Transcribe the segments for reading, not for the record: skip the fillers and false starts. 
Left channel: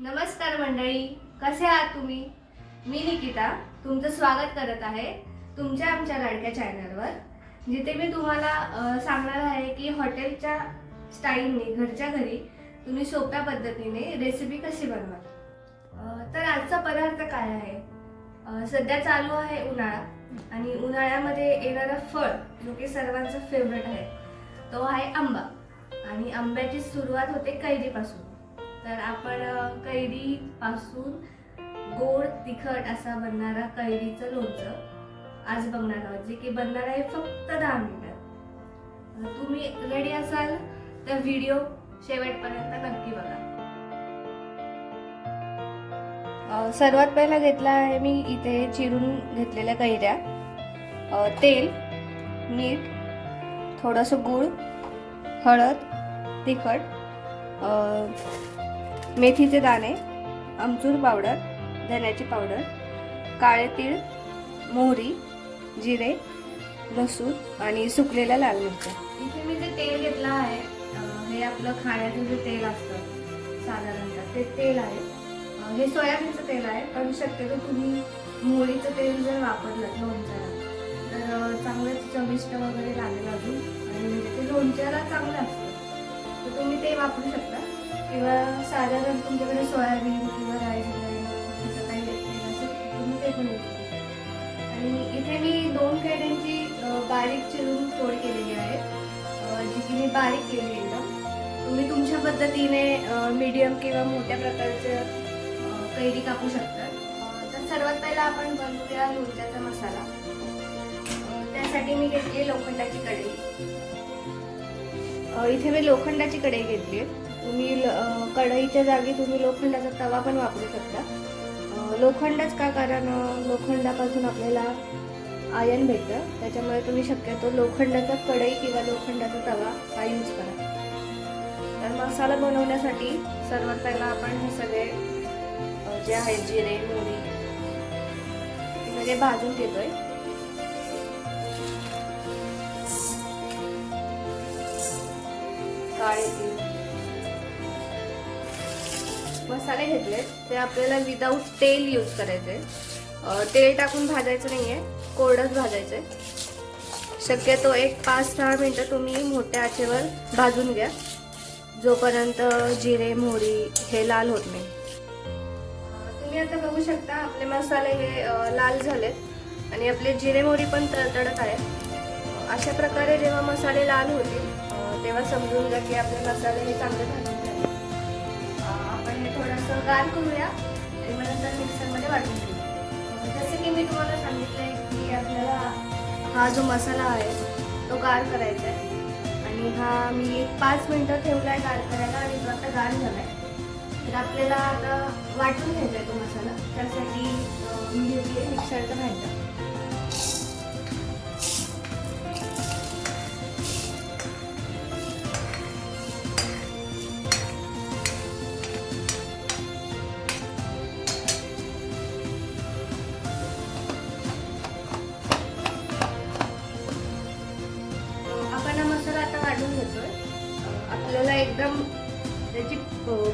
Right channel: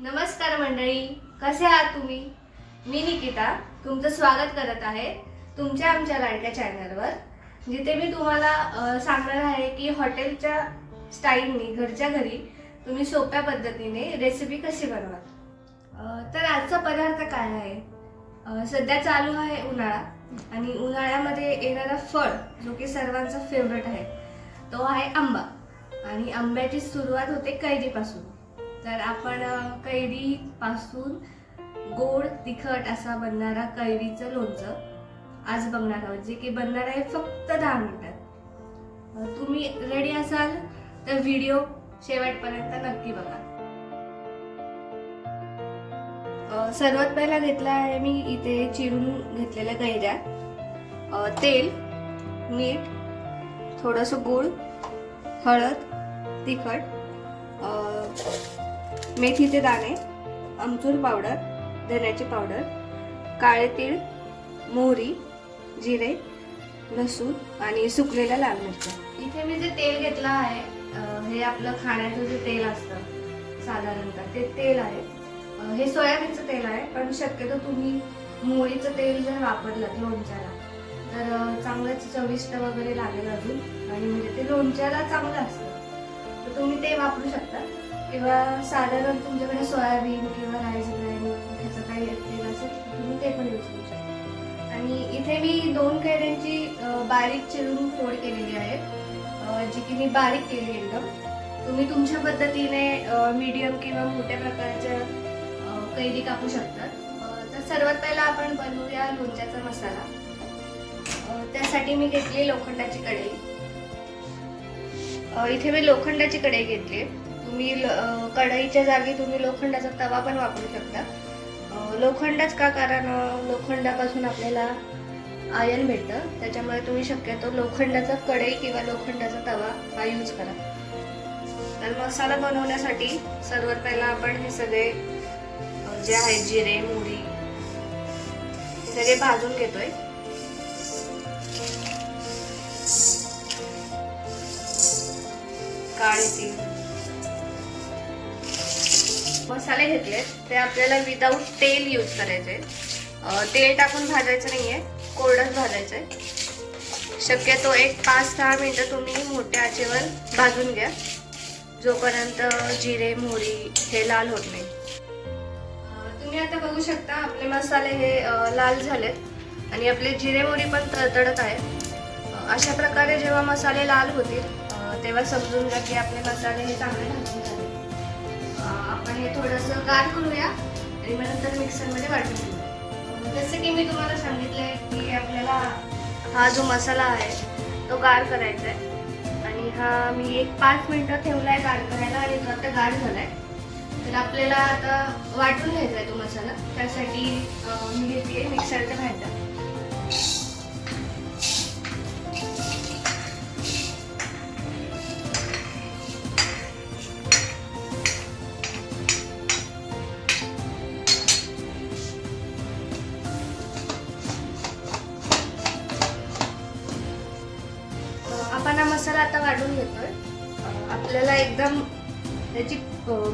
नमस्कार मंडळी, कसे आहात तुम्ही? मी निकिता तुमचं स्वागत करत आहे तुमच्या आमच्या लाडक्या चॅनलवर, जिथे मी तुम्हाला सांगणार आहे की हॉटेलच्या स्टाईलने घरच्या घरी तुम्ही सोप्या पद्धतीने रेसिपी कशी बनवाल। तर आजचा पदार्थ काय आहे? सध्या चालू आहे उन्हाळा आणि उन्हाळ्यामध्ये येणारा फळ जो की सर्वांचा फेवरेट आहे तो आहे आंबा। आणि आंब्याची सुरुवात होते कैरीपासून। तर आपण कैरीपासून गोड तिखट असा बनणारा कैरीचं लोणचं आज बघणार आहोत, जे की बनणार आहे फक्त 10 मिनिटात। तुम्ही रेडी असाल तर व्हिडिओ शेवटपर्यंत नक्की बघा। सर्वात पहिला घेतला आहे मी इथे चिरून घेतलेल्या कैऱ्या, तेल, मीठ, थोडंसं गूळ, हळद, तिखट, मेथीचे दाणे, आमचूर पावडर, धन्याची पावडर, काळे तीळ, मोहरी, जिरे, लसूण आणि सुकलेल्या लाल मिरच्या। इथे मी जे तेल घेतलं आहे हे आपलं खाण्याचं जे तेल असतं साधारणतः ते तेल आहे। हे सोयाबीनचं तेल आहे, पण शक्यतो तुम्ही मोहरीचं तेल जर वापरलं लोणच्याला तर चांगलंच चविष्ट वगैरे लागेल अजून, आणि म्हणजे ते लोणच्याला चांगलं असतं, तर तुम्ही ते वापरू शकता। किंवा साधारण तुमच्याकडे सोयाबीन किंवा राईस ब्रॅन ह्याचं काही तेल असेल तुम्ही ते पण यूज करू शकता। आणि इथे मी 2 कैऱ्यांची बारीक चिरून फोड केलेली आहे, जी की मी बारीक केली एकदम। तुम्ही तुमच्या पद्धतीने मीडियम किंवा मोठ्या प्रकारच्या कैरी कापू शकता। तर सर्वात पहिला आपण बनवूया लोणच्याचा मसाला। त्यासाठी मी घेतली लोखंडाची कढई। इथे मी लोखंडाची कढई घेतली। तुम्ही कढईच्या जागी तुम्ही लोखंडाचा तवा पण वापरू शकता। लोखंडच का? कारण लोखंडापासून आपल्याला आयर्न भेटतं, त्याच्यामुळे तुम्ही शक्यतो लोखंडाचा कढई किंवा लोखंडाचा तवा हा यूज करा। तर मसाला बनवण्यासाठी सर्वात पहिला आपण हे सगळे जे आहे जिरे, मोहरी हे सगळे भाजून घेतोय। काळे तीळ, मसाले घेतले ते आपल्याला विदाऊट तेल यूज करायचे। तेल टाकून भाजायचं नाहीये, कोरडंच भाजायचंय। शक्यतो एक 5-6 मिनिटं तुम्ही मोठ्या आचेवर भाजून घ्या, जोपर्यंत जिरे मोहरी हे लाल होत नाही। तुम्ही आता बघू शकता आपले मसाले हे लाल झालेत आणि आपले जिरे मोहरी पण तडतडत आहे। अशा प्रकारे जेव्हा मसाले लाल होतील तेव्हा समजून घ्या की आपले मसाले हे चांगले भाजून झाले। आपण हे थोडंसं गार करूया आणि मग नंतर मिक्सरमध्ये वाटून घेऊ। जसं की मी तुम्हाला सांगितलंय की आपल्याला हा जो मसाला आहे तो गार करायचा आहे, आणि हा मी एक 5 मिनिटं ठेवलाय गार करायला, आणि तो आता गार झालाय। तर आपल्याला आता वाटून घ्यायचा आहे तो मसाला। त्यासाठी मी घेतली मिक्सरच्या भांड्यात। आपण हा मसाला आता वाढून घेतोय। आपल्याला एकदम त्याची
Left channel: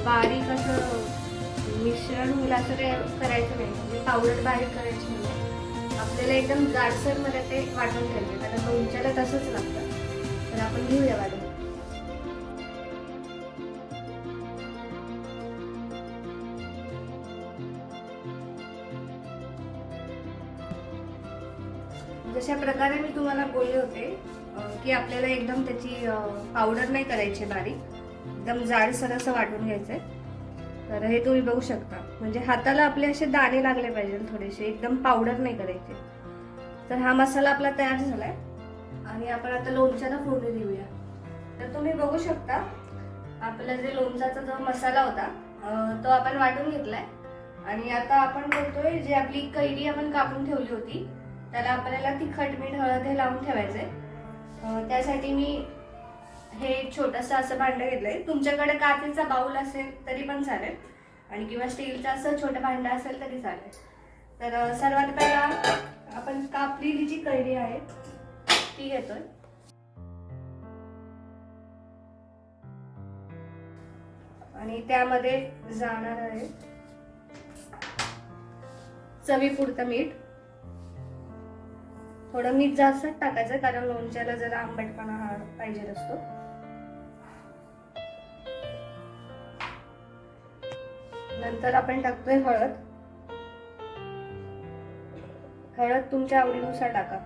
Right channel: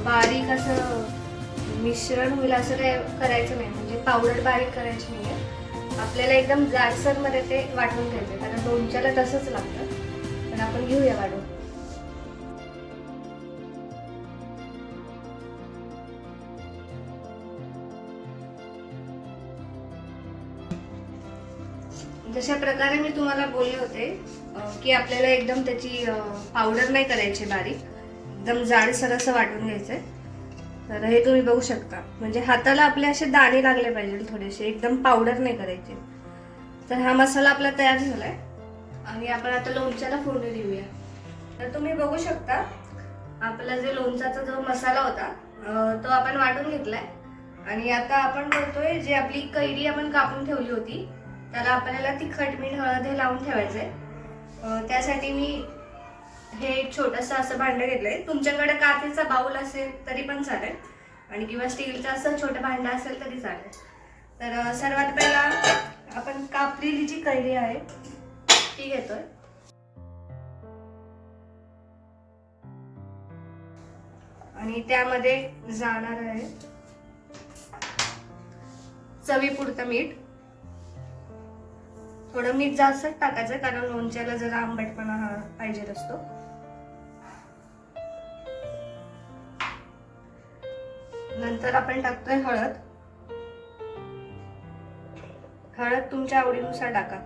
बारीक असं मिश्रण होईल असं काय करायचं नाही, म्हणजे पावडर बारीक करायची नाहीये। आपल्याला एकदम जाडसर मध्ये ते वाटून घ्यायचे, कारण लोणच्याला तसंच लागतं। तर आपण घेऊया वाढून। जशा प्रकारे मी तुम्हाला बोलले होते की आपल्याला एकदम त्याची पावडर नाही करायची बारीक, एकदम जाडसर असं वाटून घ्यायचंय। तर हे तुम्ही बघू शकता, म्हणजे हाताला आपले असे दाणे लागले पाहिजे थोडेसे, एकदम पावडर नाही करायचे। तर हा मसाला आपला तयार झालाय आणि आपण आता लोणच्याला फोडणी देऊया। तर तुम्ही बघू शकता आपला जे लोणचाचा जो मसाला होता तो आपण वाटून घेतलाय, आणि आता आपण बोलतोय जे आपली कैरी आपण कापून ठेवली होती त्याला आपल्याला तिखट मीठ हळद हे लावून ठेवायचंय। त्यासाठी मी हे छोटंसं असं भांडं घेतलंय। तुमच्याकडे काचेचा बाउल असेल तरी पण चालेल, आणि किंवा स्टीलचं असं छोटं भांडं असेल तरी चालेल। तर सर्वात पहिला आपण कापलेली जी कैरी आहे ती घेतोय। आणि त्यामध्ये जाणार आहे चवीपुरतं मीठ. थोडं मीठ जास्तच टाकायचं कारण लोणच्याला जरा आंबटपणा हा पाहिजे असतो. नंतर आपण टाकतोय हळद. हळद तुमच्या आवडीनुसार टाका.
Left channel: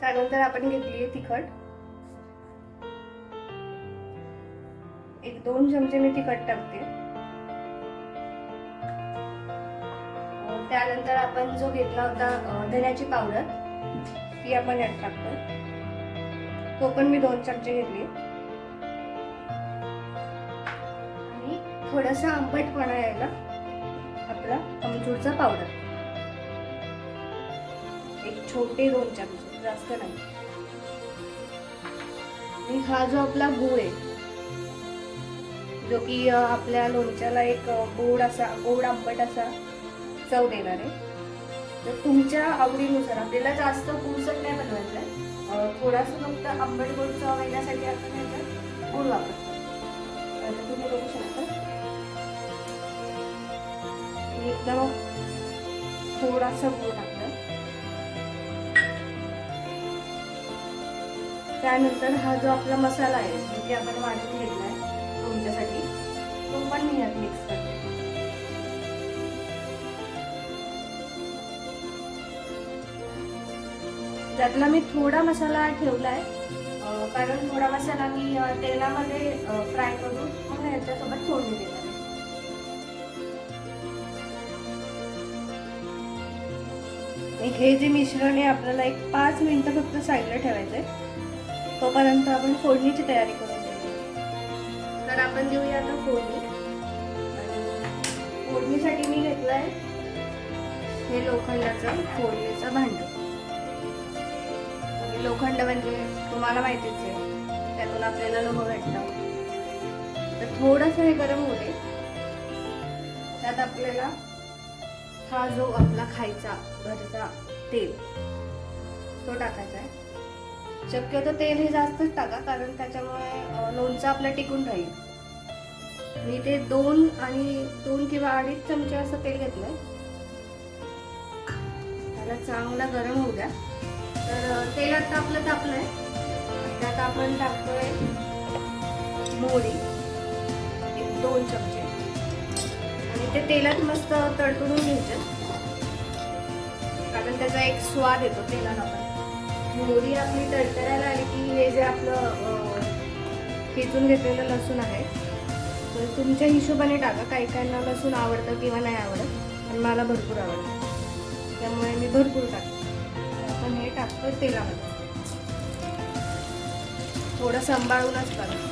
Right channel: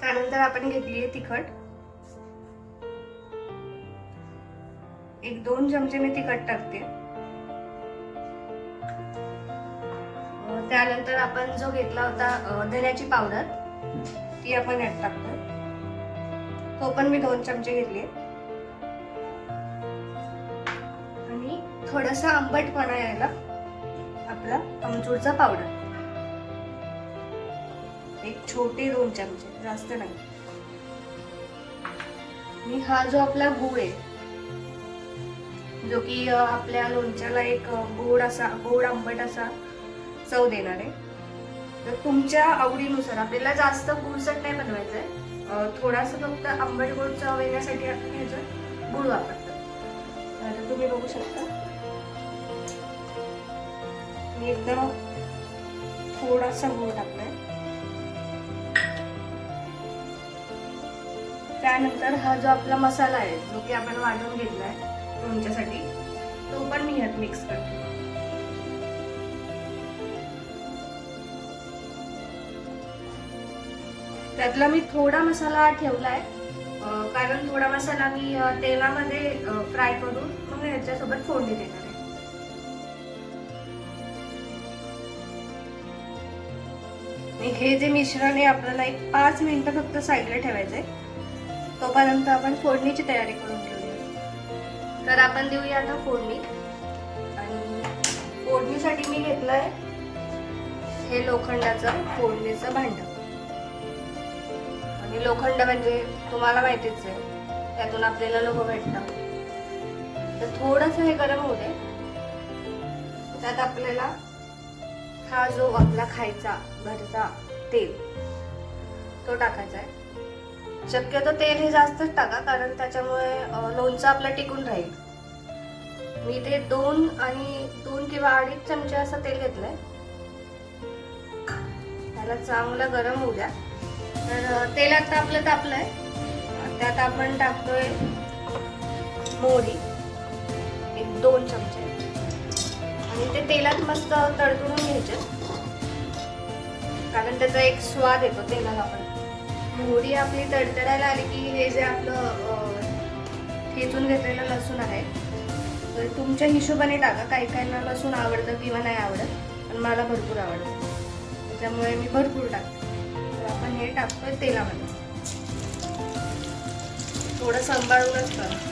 त्यानंतर आपण घेतलीये तिखट. 1-2 चमचे मी तिखट टाकते. त्यानंतर आपण जो घेतला होता धन्याची पावडर ती आपण यात टाकतोय. तो पण मी 2 चमचे घेतले. आणि थोडासा आंबटपणा यायला आपला आमचूरचा पावडर, एक छोटे 2 चमचे, जास्त नाही. आणि हा जो आपला गूळ आहे जो की आपल्या लोणच्याला एक गोड आंबट असा चव देणार आहे. तर तुमच्या आवडीनुसार आपल्याला जास्त गुळसट नाही बनवायचं आहे. थोडासा फक्त आंबट गोड चव येण्यासाठी आपण ह्याच्यात गूळ वापरतो. आता तुम्ही बघू शकता एकदम थोडासा गूळ टाकलाय. त्यानंतर हा जो आपला मसाला आहे जो की आपण वाटून घेतलाय लोणच्यासाठी तो पण मी यात मिक्स करते. त्यातला मी थोडा मसाला ठेवलाय कारण थोडा मसाला मी तेलामध्ये फ्राय करून मग ह्याच्यासोबत फोडणी देणार आहे. हे जे मिश्रण आहे आपल्याला एक 5 मिनिटं फक्त साईडला ठेवायचंय. तोपर्यंत आपण फोडणीची तयारी करून देऊया. तर आपण देऊया आता फोडणी. आणि फोडणीसाठी मी घेतलंय हे लोखंडाचं फोडणीचं भांड. आणि लोखंड म्हणजे तुम्हाला माहितीच आहे त्यातून आपल्याला लोह भेटतं. तर थोडंसं हे गरम होऊ दे. त्यात आपल्याला हा जो आपला खायचा घरचा तेल तो टाकायचा आहे. शक्यतो तेल हे जास्तच टाका कारण त्याच्यामुळे लोणचं आपलं टिकून राहील. मी ते 2 किंवा 2.5 चमचे असं तेल घेतलंय. त्याला चांगलं गरम होऊ द्या. तर तेल आता आपलं तापलंय. त्यात आपण टाकतोय मोहरी 1-2 चमचे आणि ते तेलात मस्त तडतडून घ्यायचे कारण त्याचा एक स्वाद येतो तेलात. आपण मोहरी आपली तडतडायला आली की हे जे आपलं ठेचून घेतलेलं लसूण आहे तर तुमच्या हिशोबाने टाका. काही काहींना लसूण आवडतं किंवा नाही आवडत पण मला भरपूर आवडतं त्यामुळे मी भरपूर टाकते. तर आपण हे टाकतोय तेलामध्ये. थोडं सांभाळूनच करा.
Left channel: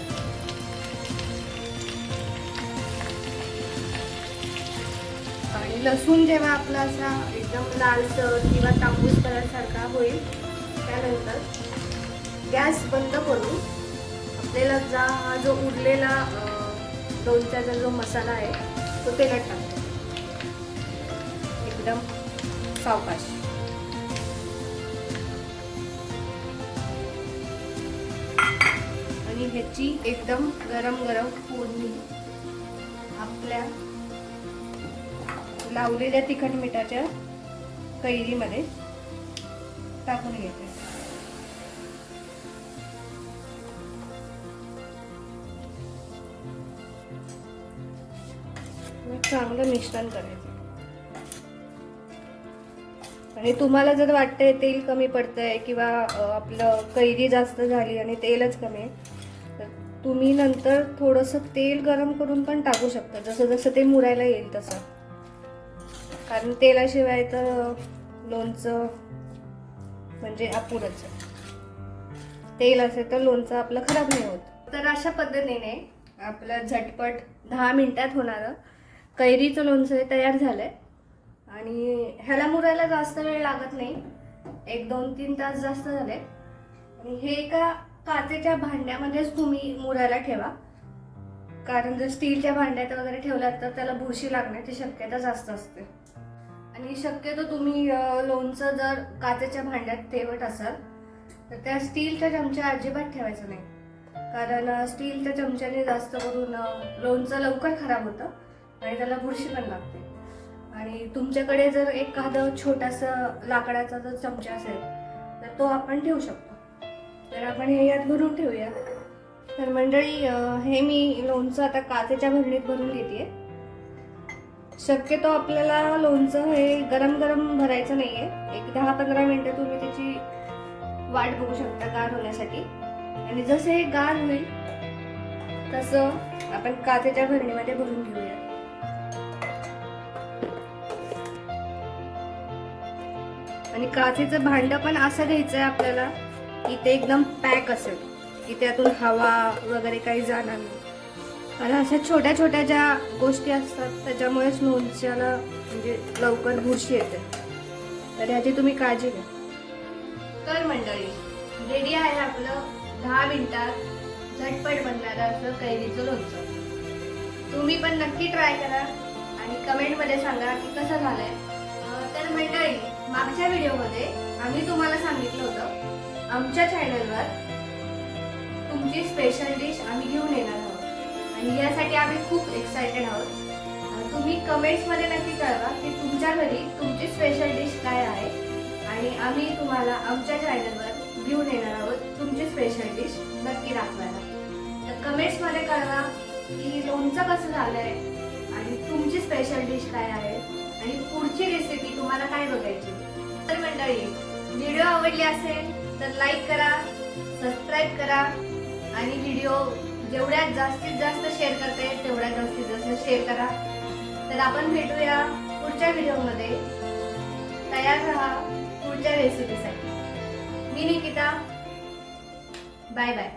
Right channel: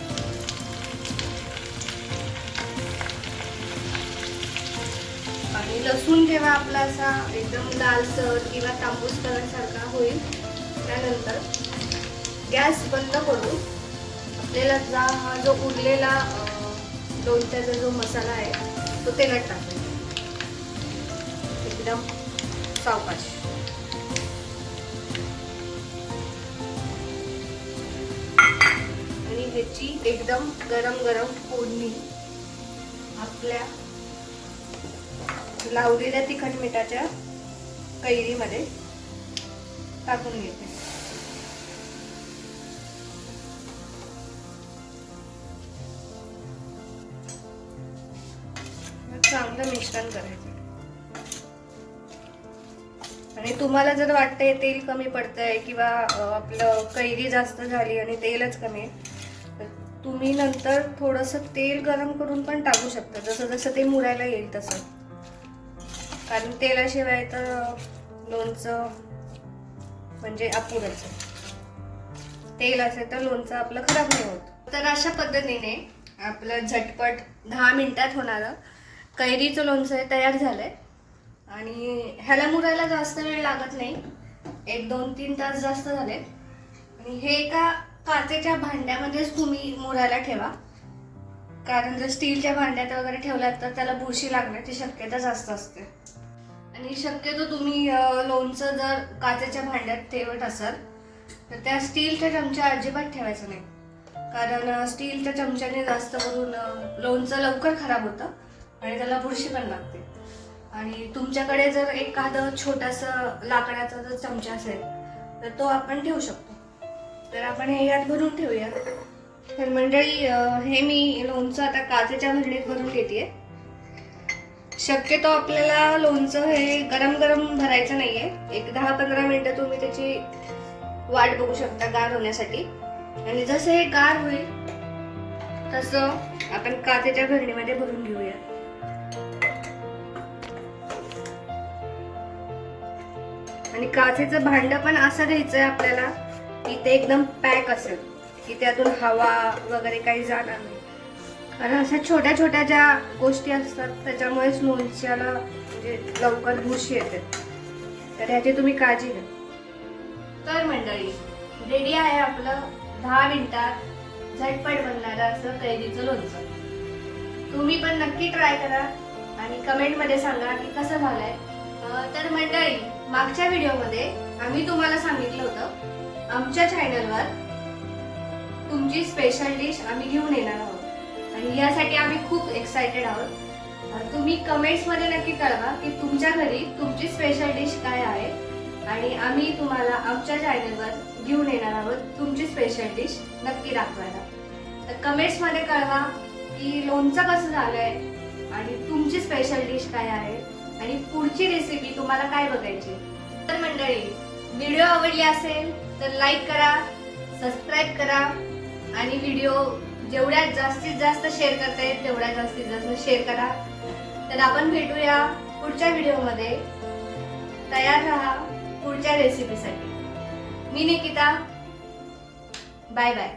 आणि लसूण जेव्हा आपला असा एकदम लालसर किंवा तांबूस कलर सारखा होईल त्यानंतर गॅस बंद करून आपल्याला हा जो उरलेला लोणच्याचा जो मसाला आहे तो तेलात टाकायचा एकदम सावकाश. आणि ह्याची एकदम गरम गरम फोडणी आपल्या लावलेल्या तिखट मिठाच्या कैरीमध्ये टाकून घेते. चांगलं मिश्रण करायचं. आणि तुम्हाला जर वाटतंय तेल कमी पडतंय किंवा आपलं कैरी जास्त झाली आणि तेलच कमी तर तुम्ही नंतर थोडंसं तेल गरम करून पण टाकू शकता जसं जसं ते मुरायला येईल तसं. कारण तेलाशिवाय तर लोणचं म्हणजे अपुरंच. तेल असेल तर लोणचं आपलं खराब नाही होत. तर अशा पद्धतीने आपलं झटपट 10 मिनिटात होणारं कैरीचं लोणचं तयार झालंय. आणि ह्याला मुरायला जास्त वेळ लागत नाही. 1-2-3 तास जास्त झाले. आणि हे एका काचेच्या भांड्यामध्येच तुम्ही मुरायला ठेवा कारण जर स्टीलच्या भांड्यात वगैरे ठेवलात तर त्याला बुरशी लागण्याची शक्यता जास्त असते. आणि शक्यतो तुम्ही लोणचं जर काचेच्या भांड्यात ठेवत असाल तर त्या स्टीलच्या चमचा अजिबात ठेवायचं नाही कारण स्टीलच्या चमच्याने जास्त करून लोणचं लवकर खराब होतं आणि त्याला बुरशी पण लागते. आणि तुमच्याकडे जर एखादं छोटासा लाकडाचा जर चमचा असेल तर तो आपण ठेवू शकतो. तर आपण हे यात भरून ठेवूया. तर मंडळी, हे मी लोणचं आता काचेच्या भरणीत भरून घेते. शक्यतो आपल्याला लोणचं हे गरम गरम भरायचं नाहीये. एक 10-15 मिनिटं तुम्ही त्याची वाट बघू शकता गार होण्यासाठी. आणि जसं हे गार होईल तसं आपण काचेच्या भरणीमध्ये भरून घेऊया. आणि काचेचं भांड पण असं घ्यायचंय आपल्याला की ते एकदम पॅक असेल, की त्यातून हवा वगैरे काही जाणार नाही. कारण अशा छोट्या छोट्या ज्या गोष्टी असतात त्याच्यामुळेच लोणच्याला म्हणजे लवकर बुरशी येते. तर ह्याची तुम्ही काळजी घ्या. तर मंडळी, रेडी आहे आपलं 10 मिनिटात झटपट बनणारं असं कैरीचं लोणचं. तुम्ही पण नक्की ट्राय करा आणि कमेंटमध्ये सांगा की कसं झालंय. तर मंडळी, मागच्या व्हिडिओमध्ये आम्ही तुम्हाला सांगितलं होतं आमच्या चॅनलवर तुमची स्पेशल डिश आम्ही घेऊन येणार आहोत आणि यासाठी आम्ही खूप एक्सायटेड आहोत. तुम्ही कमेंट्समध्ये नक्की कळवा की तुमच्या घरी तुमची स्पेशल डिश काय आहे आणि आम्ही तुम्हाला आमच्या चॅनलवर घेऊन येणार आहोत तुमची स्पेशल डिश नक्की दाखवायला. तर कमेंट्समध्ये कळवा की लोणचं कसं झालंय आणि तुमची स्पेशल डिश काय आहे आणि पुढची रेसिपी तुम्हाला काय बघायची. तर मंडळी, व्हिडिओ आवडली असेल तर लाईक करा, सबस्क्राईब करा आणि व्हिडिओ जेवढ्या जास्तीत जास्त शेअर करता येईल तेवढ्या जास्तीत जास्त शेअर करा. तर आपण भेटूया पुढच्या व्हिडिओमध्ये. तयार राहा पुढच्या रेसिपीसाठी. मी निकिता. Bye bye.